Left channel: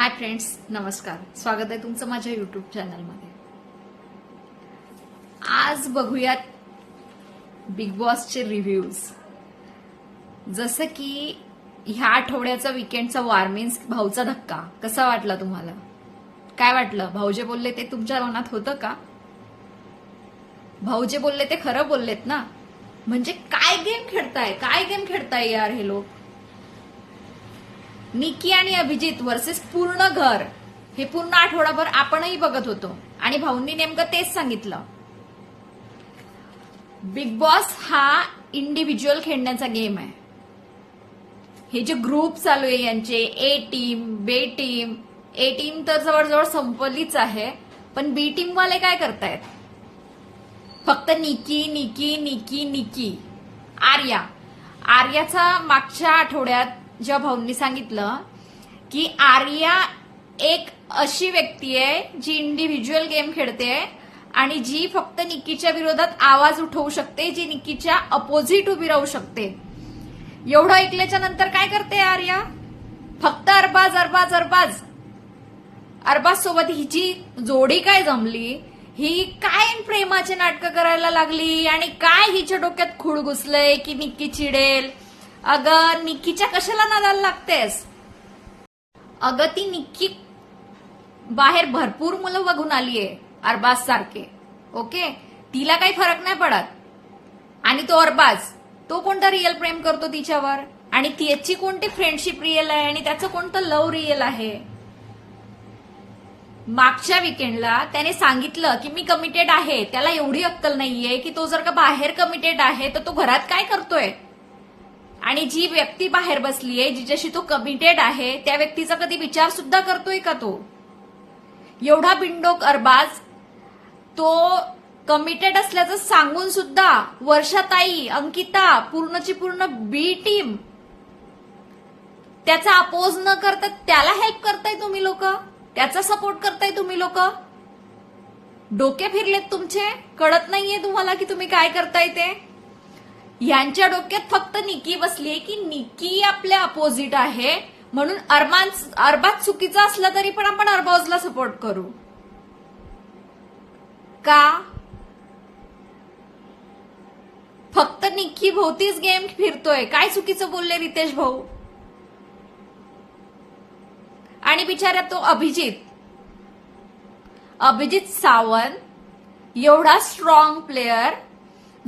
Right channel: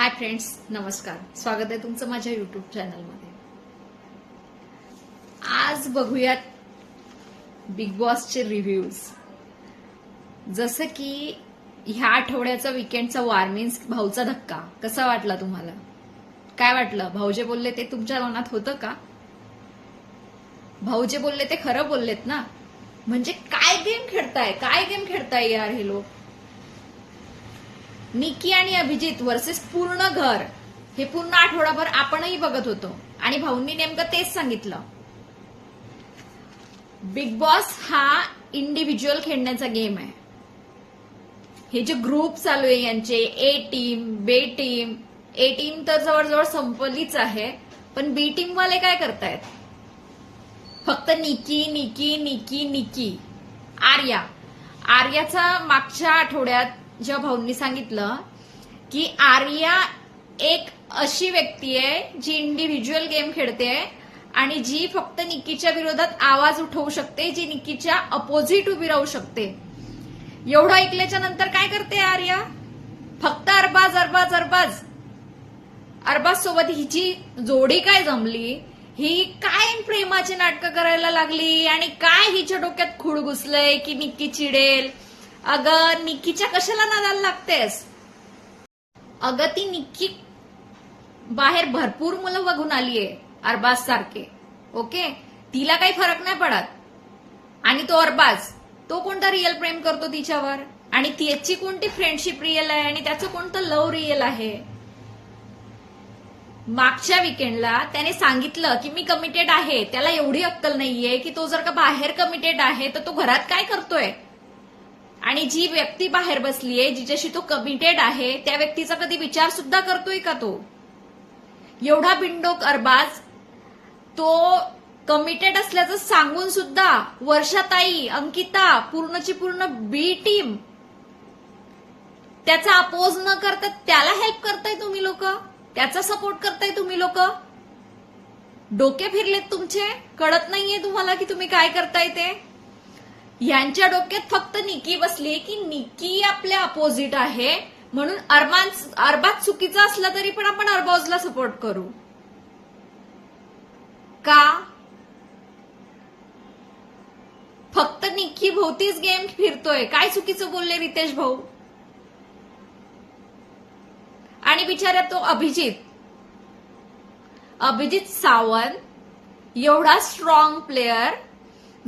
Hi friends नमस्कार. स्वागत आहे तुमचं माझ्या युट्यूब चॅनलमध्ये आज बघूयात बिग बॉसचे रिव्ह्यूज जसं की ह्या आठवड्याचा विकेंडचा वार्मिन्स भाऊचा धक्का. कसा वाटला तुम्हाला? काय वाटलं? भाऊ जे बोलले ते तुमच्या मनात होतं का? भाऊ जे बोलले ते खरं बोललेत ना. म्हणजे काय गेम खेळताय? काय गेम खेळताय यार हे लोक? निकी आणि अभिजित वर्सेस पूर्ण घर. हे पूर्ण आठवडाभर आपणही बघत होतो. आणि भाऊंनी नेमकं तेच सांगितलं. बिग बॉस हा इंडिव्हिज्युअल खेळण्याचा गेम आहे. हे जे ग्रुप चालू आहे यांचे A team B team A team तर जवळजवळ संपलीच आहे. पण बी टीम वाले काय करतायत? फक्त निकी निकी निकी निकी आर्या. आर्याचा मागच्या आठवड्यात जेव्हा भाऊंनी सांगितलं की आर्या एक अशी व्यक्ती आहे जी इंडिव्हिज्युअल गेम खेळते आणि जी फक्त निक्कीच्या विरोधात आवाज उठवू शकते जी निक्कीच्या अपोजिट उभी राहू शकते. एवढं ऐकल्याच्या नंतर काय करते आर्या? फक्त अरबाज अरबाज अरबाज. अरबाज सोबत हिची जोडी काय जमली? ही काय प्रेमाची नाटकं करायला लागली आणि काय हिच्या डोक्यात खूळ घुसलंय की निक्की चिडेल? अगं निक्कीच्या कशाला नादाला लागतेस? अगं ती निक्की बाहेर भरपूर मुलं बघून आलीये अरबाज सारखे. ओके? तिला काही फरक नाही पडत. आणि तो अरबाज तो कोणता रिअल प्रेम करतो तिच्यावर? आणि त्याची कोणती फ्रेंडशिप रिअल आहे? आणि त्याचं कोणतं लव्ह रिअल आहे? मागच्या विकेंडला त्याने सांगितलं की मी कमिटेड आहे. त्याला एवढी अक्कल नाहीये की तो जर का बाहेर कमिटेड आहे तर तो घरात काय करतोय? आणि जी व्यक्ती बाहेर बसलीये जिच्याशी तो कमिटेड आहे त्या व्यक्तीचा कधी विचार सुद्धा करतोय का तो? एवढा बिंडोक अरबाज तो कमिटेड असल्याचं सांगून सुद्धा वर्षाताई अंकिता पूर्णची पूर्ण बी टीम त्याचा अपोज न करता त्याला हेल्प करताय तुम्ही लोक? त्याचा सपोर्ट करताय तुम्ही लोक? डोके फिरलेत तुमचे? कळत नाहीये तुम्हाला की तुम्ही काय करताय ते? यांच्या डोक्यात फक्त निकी बसली की निकी आपल्या अपोजिट आहे. म्हणून अरमान अरबाज चुकीचा असला तरी पण आपण अरबाजला सपोर्ट करू. का? फक्त निक्की भोवतीच गेम फिरतोय. काय चुकीचं बोलले रितेश भाऊ? आणि बिचारा तो अभिजित. अभिजित सावंत एवढा स्ट्रॉंग प्लेयर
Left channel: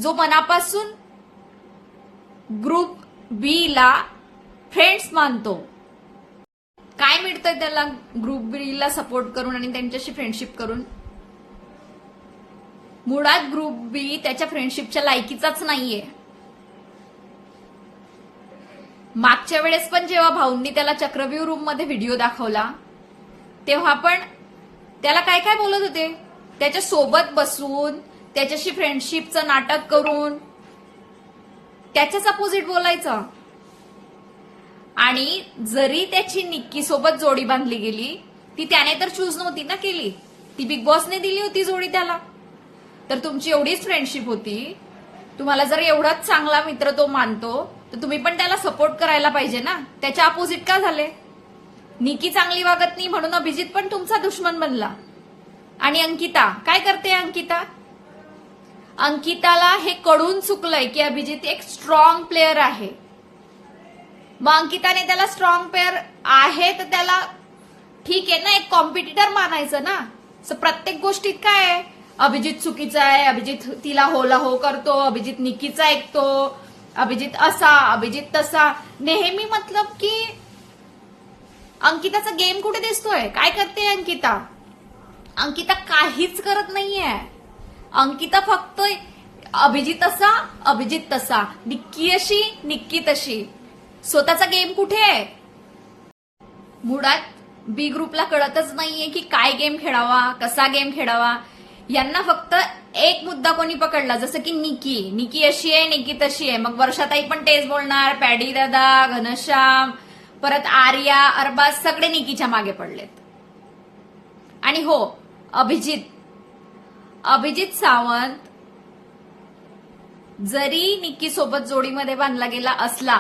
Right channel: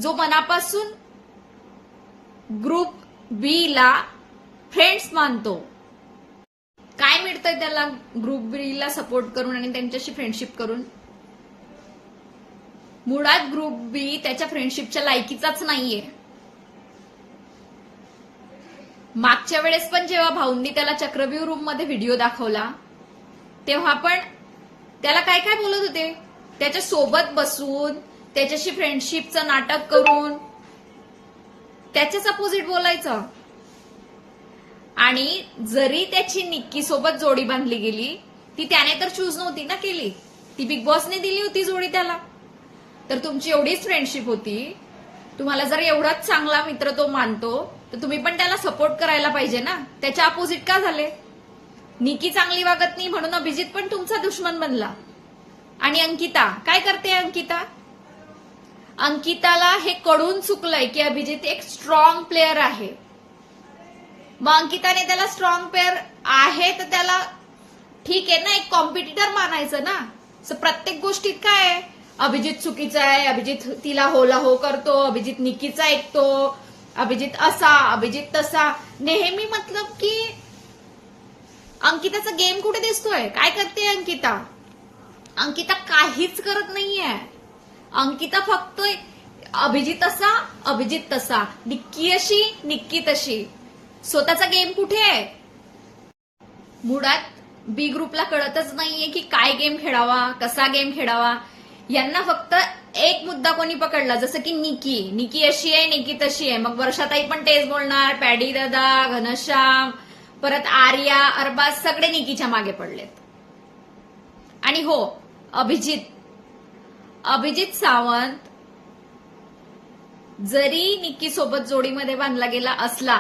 जो मनापासून ग्रुप बी ला फ्रेंड्स मानतो. काय मिळतंय त्याला ग्रुप बी ला सपोर्ट करून आणि त्यांच्याशी फ्रेंडशिप करून? मुळात ग्रुप बी त्याच्या फ्रेंडशिपच्या लायकीचाच नाहीये. मागच्या वेळेस पण जेव्हा भाऊंनी त्याला चक्रव्यूह रूममध्ये व्हिडिओ दाखवला तेव्हा पण त्याला काय काय बोलत होते? त्याच्या सोबत बसून त्याच्याशी फ्रेंडशिपचं नाटक करून त्याच्याच अपोजिट बोलायचं. आणि जरी त्याची निक्की सोबत जोडी बांधली गेली ती त्याने तर चूज नव्हती ना केली. ती बिग बॉसने दिली होती जोडी त्याला. तर तुमची एवढीच फ्रेंडशिप होती. तुम्हाला जर एवढाच चांगला मित्र तो मानतो तर तुम्ही पण त्याला सपोर्ट करायला पाहिजे ना. त्याच्या अपोजिट का झाले? निकी चांगली वागत नाही म्हणून अभिजित पण तुमचा दुश्मन बनला. आणि अंकिता काय करते अंकिता? अंकिताला हे कडून चुकलंय की अभिजित एक स्ट्रॉंग प्लेअर आहे. मग अंकिताने त्याला स्ट्रॉंग प्लेअर आहे तर त्याला ठीक आहे ना एक कॉम्पिटिटर मानायचं ना? So प्रत्येक गोष्टीत काय आहे? अभिजित चुकीचा आहे अभिजित तिला होला हो करतो अभिजित निकीचा ऐकतो अभिजित असा अभिजित तसा. नेहमी मतलब की अंकिताचा गेम कुठे दिसतोय? काय करते अंकिता? अंकिता काहीच करत नाहीये. अंकिता फक्त अभिजित असा अभिजित तसा. निक्की अशी निक्की तशी. स्वतःचा गेम कुठे आहे? मुळात बी ग्रुपला कळतच नाहीये की काय गेम खेळावा कसा गेम खेळावा. यांना फक्त एक मुद्दा कोणी पकडला जसं की निकी निकी अशी आहे निकी तशी आहे. मग वर्षाताई पण तेच बोलणार पॅडी दादा घनश्याम परत आर्या अरबाज सगळे निकीच्या मागे पडलेत. आणि हो अभिजित. अभिजित सावंत जरी निक्की सोबत जोडीमध्ये बांधला गेला असला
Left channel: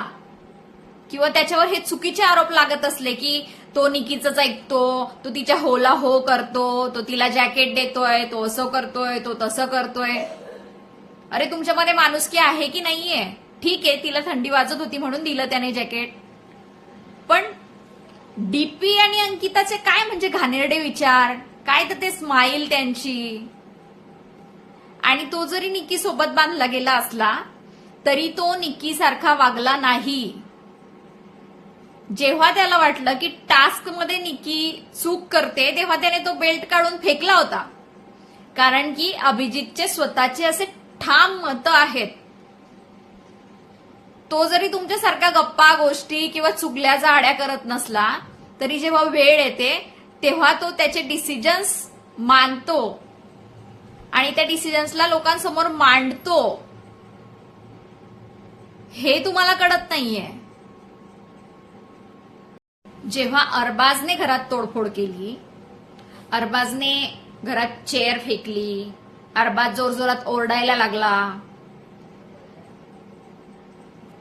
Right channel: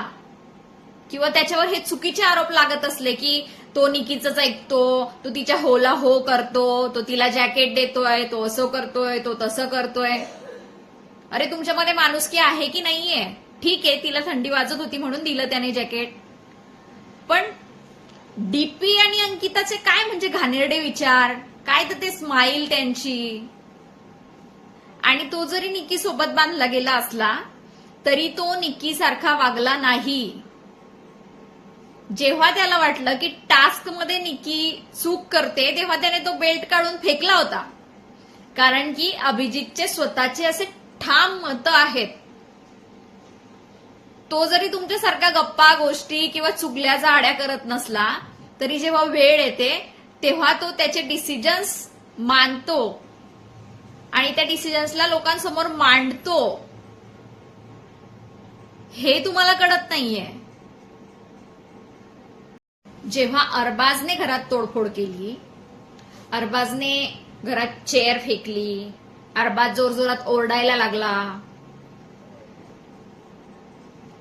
किंवा त्याच्यावर हे चुकीचे आरोप लागत असले की तो निकीचाच ऐकतो तो तिच्या होला हो करतो तो तिला जॅकेट देतोय तो असं करतोय तो तसं करतोय. अरे तुमच्यामध्ये माणुसकी आहे की नाहीये? ठीक आहे तिला थंडी वाजत होती म्हणून दिलं त्याने जॅकेट पण डीपी आणि अंकिताचे काय म्हणजे घाणेरडे विचार? काय तर ते स्माईल त्यांची. आणि तो जरी निकी सोबत बांधला गेला असला तरी तो निकी सारखा वागला नाही. जेव्हा त्याला वाटलं की टास्कमध्ये निकी चूक करते तेव्हा त्याने तो बेल्ट काढून फेकला होता. कारण की अभिजितचे स्वतःचे असे ठाम मत आहेत. तो जरी तुमच्यासारखा गप्पा गोष्टी किंवा चुकल्या जाड्या करत नसला तरी जेव्हा वेळ येते तेव्हा तो त्याचे डिसिजन्स मानतो. आणि त्या डिसिजन्सला लोकांसमोर मांडतो. हे तुम्हाला कळत नाहीये. जेव्हा अरबाजने घरात तोडफोड केली अरबाजने घरात चेअर फेकली अरबाज जोरजोरात ओरडायला लागला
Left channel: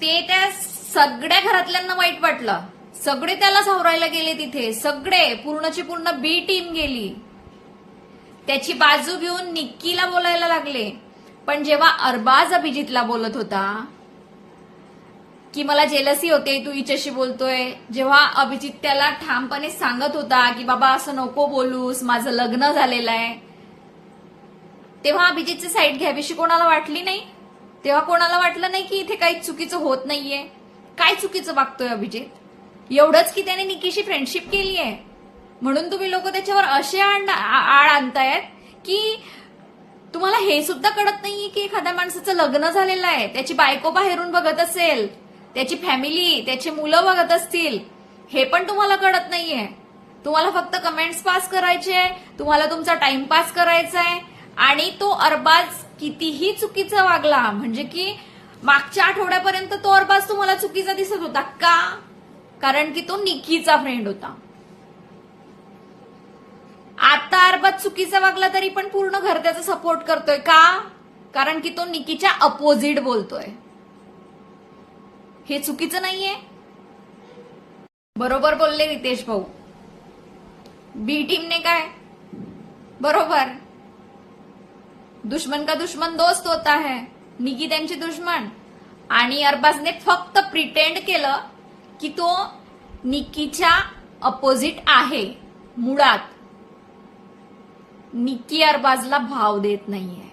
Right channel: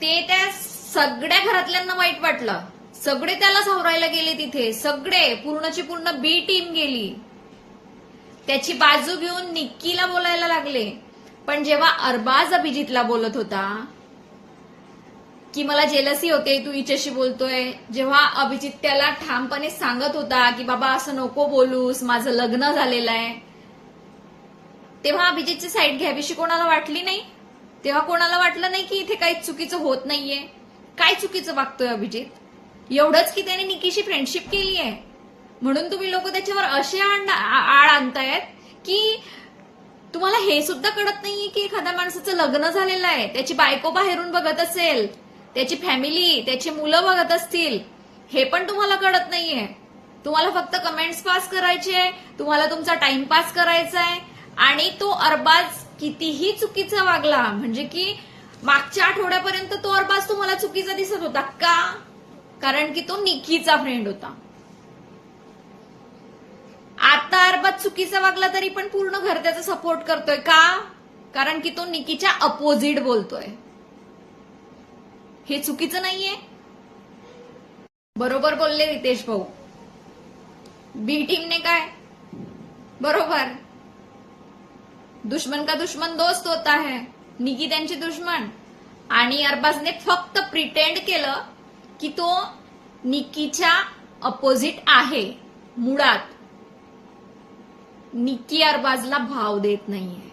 ते त्या सगळ्या घरातल्यांना वाईट वाटलं. सगळे त्याला सावरायला गेले तिथे. सगळे पूर्णची पूर्ण बी टीम गेली. त्याची बाजू घेऊन निक्कीला बोलायला लागले. पण जेव्हा अरबाज अभिजितला बोलत होता की मला जेलसी होते तू हिच्याशी बोलतोय जेव्हा अभिजित त्याला ठामपणे सांगत होता की बाबा असं नको बोलूस माझं लग्न झालेलं आहे तेव्हा अभिजितची साईड घ्यावीशी कोणाला वाटली नाही? तेव्हा कोणाला वाटलं नाही की इथे काही चुकीचं होत नाहीये? काय चुकीचं वागतोय अभिजित? एवढंच की त्याने निकीशी फ्रेंडशिप केली आहे म्हणून तुम्ही लोक त्याच्यावर असे आण- आ- आळ आणतायत की तुम्हाला हे सुद्धा कळत नाहीये की एखाद्या माणसाचं लग्न झालेलं आहे. त्याची बायको बाहेरून बघत असेल त्याची फॅमिली त्याची मुलं बघत असतील हे पण तुम्हाला कळत नाहीये. तुम्हाला फक्त कमेंट्स पास करायचे तुम्हाला तुमचा टाइमपास करायचा आहे आणि तो अरबाज कितीही चुकीचा वागला म्हणजे की मागच्या आठवड्यापर्यंत तो अरबाज तुम्हाला चुकीचा दिसत होता का? कारण की तो निकीचा फ्रेंड होता. आता अरबाज चुकीचा वागला तरी पण पूर्ण घर त्याचा सपोर्ट करतोय. का? कारण की तो निकीच्या अपोजिट बोलतोय. हे चुकीचं नाहीये. बरोबर बोलले रितेश भाऊ. बी टीमने काय? बरोबर. दुश्मन का दुश्मन दोस्त होता है. निकी त्यांची दुश्मन. आणि अरबाजने फक्त प्रिटेंड केलं की तो निकीच्या अपोजिट आहे. मुळात. निकी अरबाजला भाव देत नाहीये.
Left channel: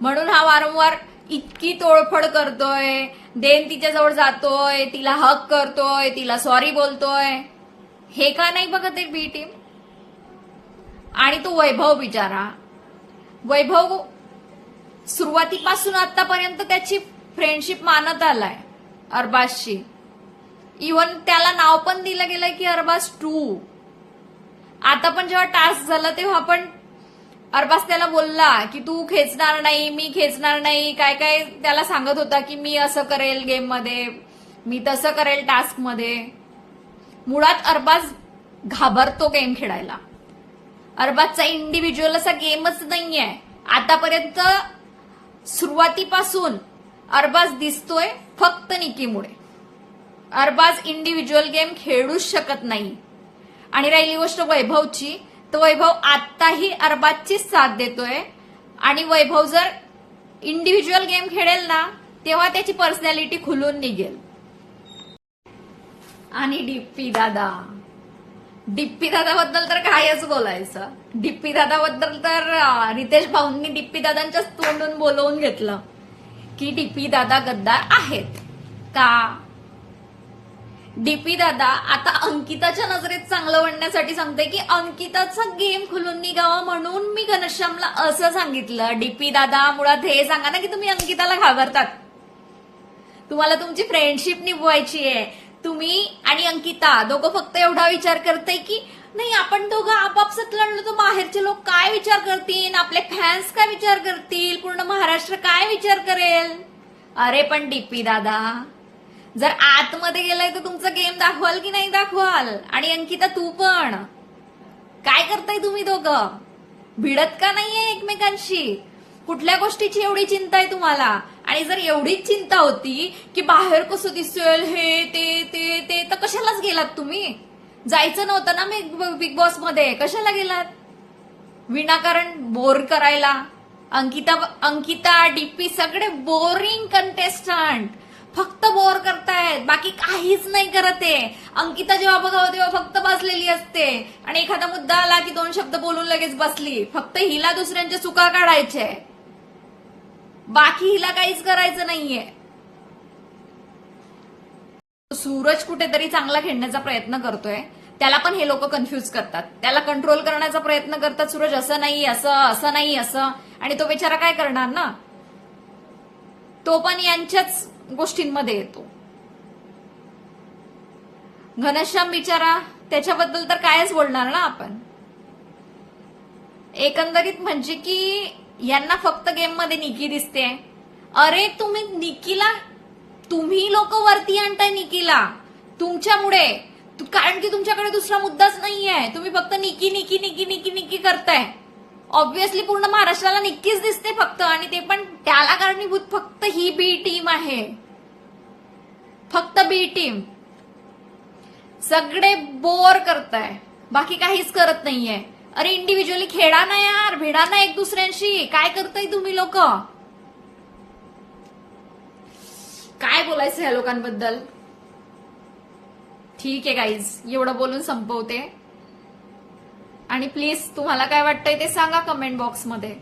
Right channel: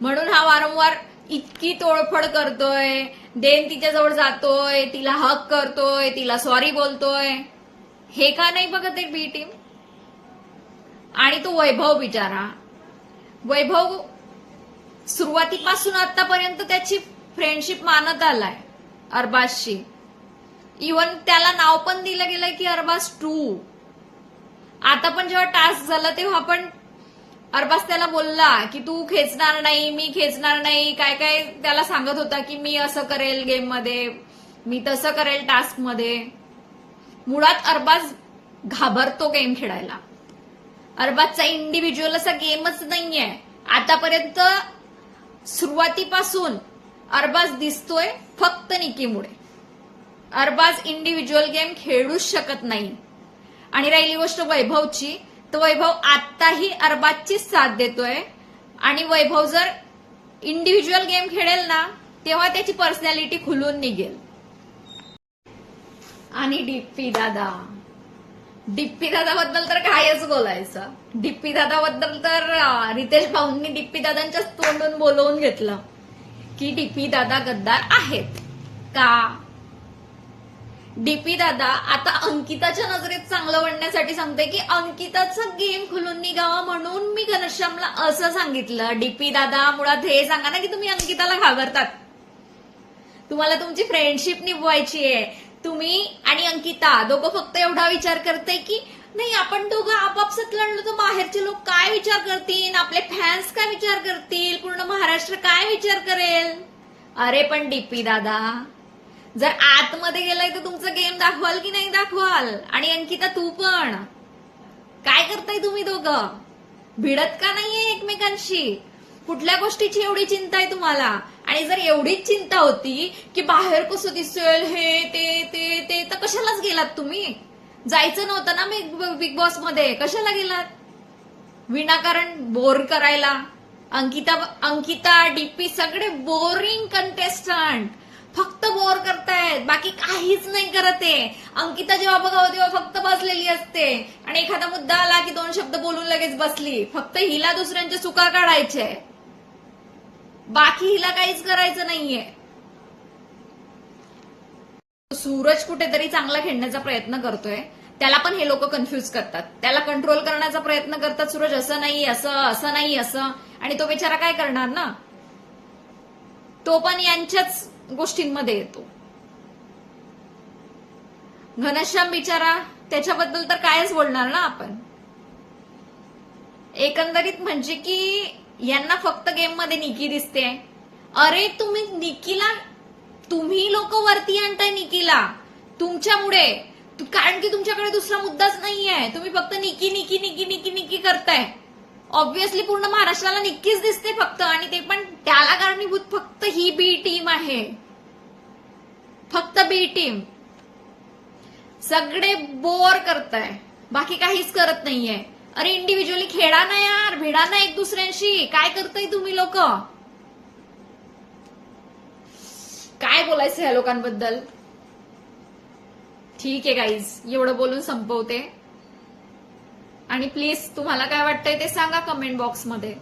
म्हणून हा वारंवार इतकी तोडफड करतोय देन तिच्याजवळ जातोय तिला हक करतोय तिला सॉरी बोलतोय. हे का नाही बघत आहे बी टीम आणि तो वैभव बिचारा. वैभव सुरुवातीपासून आतापर्यंत त्याची फ्रेंडशिप मानत आलाय अरबाजशी. इव्हन त्याला नाव पण दिलं गेलंय की अरबाज टू आता पण जेव्हा टास्क झाला तेव्हा पण अरबाज त्याला बोलला की तू खेचणार नाही मी खेचणार नाही. काय काय त्याला सांगत होता की मी असं करेल गेममध्ये मी तसं करेल टास्कमध्ये. मुळात अरबाज घाबरतो गेम खेळायला. अरबाजचा इंडिव्हिज्युअल असा गेमच नाहीये. आतापर्यंत सुरुवातीपासून अरबाज दिसतोय फक्त निकीमुळे. अरबाज इंडिव्हिज्युअल गेम खेळूच शकत नाही. आणि राहिली गोष्ट वैभवची. तर वैभव आत्ताही अरबाजचीच साथ देतोय. आणि वैभव जर इंडिव्हिज्युअल गेम खेळेल ना तेव्हा त्याची पर्सनॅलिटी खुलून निघेल. आणि डिप्पी दादा. डिप्पी दादाबद्दल तर कायच बोलायचं. डिप्पी दादाबद्दल तर रितेश भाऊंनी डिप्पी दादांच्याच तोंडून बोलवून घेतलं. की डिप्पी दादा गद्दार आहेत. का? डीपी दादा आता अंकिताच्या नजरेत चांगलं म्हणण्यासाठी सांगते की अंकिताचा गेम खुलून निघावा म्हणून मी घनश्यामला असं सांगितलं. डीपी दादा मुळात हे सांगा ना की तुम्ही अंकिताला घाबरतात. तुम्हाला तुमची फ्रेंडशिप निभवायची आहे. तुम्ही आणि अंकिता दोघं फक्त एवढा विचार करते की नाही आपण दोघं आपापसात लढलो तर बाहेरचे लोक काय विचार करतील? आपले फॅन्स काय विचार करतील? पूर्ण महाराष्ट्र काय विचार करेल? अरे पण डीपी दादा जर आतमध्ये गेलाय तर तुमचा गेम दाखवाल की नाही दाखवाल? आणि अंकिता तू पण. काय करताय तुम्ही दोघं? भिडत का नाहीये एकमेकांशी? कुठल्या गोष्टीची एवढी चिंता आहे तुम्हाला? आणि जर एवढीच चिंता होती की बाहेर कसं दिसेल हे ते ते ते तर कशालाच गेलात तुम्ही? जायचं नव्हतं ना मी बिग बॉसमध्ये? कशाला गेलात? विनाकारण बोर करायला? अंकिता अंकिता डीपी सगळे बोरिंग कंटेस्टंट फक्त बोर करतायत बाकी काहीच नाही करत आहे. अंकिता जेव्हा बघावं तेव्हा फक्त बसलेली असते. आणि एखादा मुद्दा आला की दोन शब्द बोलून लगेच बसली. फक्त हिला दुसऱ्यांचे चुका काढायचे बाकी हिला काहीच करायचं नाहीये. सूरज कुठेतरी चांगला खेळण्याचा प्रयत्न करतोय. त्याला पण हे लोक कन्फ्युज करतात. त्याला कंट्रोल करण्याचा प्रयत्न करतात सूरज. असं नाही असं असं नाही असं. आणि तो बिचारा काय करणार ना? तो पण यांच्याच गोष्टींमध्ये येतो. घनश्याम बिचारा त्याच्याबद्दल तर कायच बोलणार ना आपण? एकंदरीत म्हणजे की यांना फक्त गेममध्ये निकी दिसते अरे तुम्ही निकीला तुम्ही लोक वरती आणताय निकीला. तुमच्यामुळे. कारण की तुमच्याकडे दुसरा मुद्दाच नाहीये. तुम्ही फक्त निकी निकी निकी निकी निकी करताय. ऑब्व्हियसली पूर्ण महाराष्ट्राला निक्कीच दिसते फक्त आणि ते पण त्याला कारणीभूत फक्त ही बी टीम आहे. फक्त बी टीम सगळे बोर करताय. बाकी काहीच करत नाहीये. अरे इंडिव्हिज्युअली खेळा ना यार भिडा ना एक दुसऱ्यांशी. काय करताय तुम्ही लोक? काय बोलायचं ह्या लोकांबद्दल? ठीक आहे काहीच एवढं बोलून संपवते. आणि प्लीज तुम्हाला काय वाटतंय ते सांगा कमेंट बॉक्समध्ये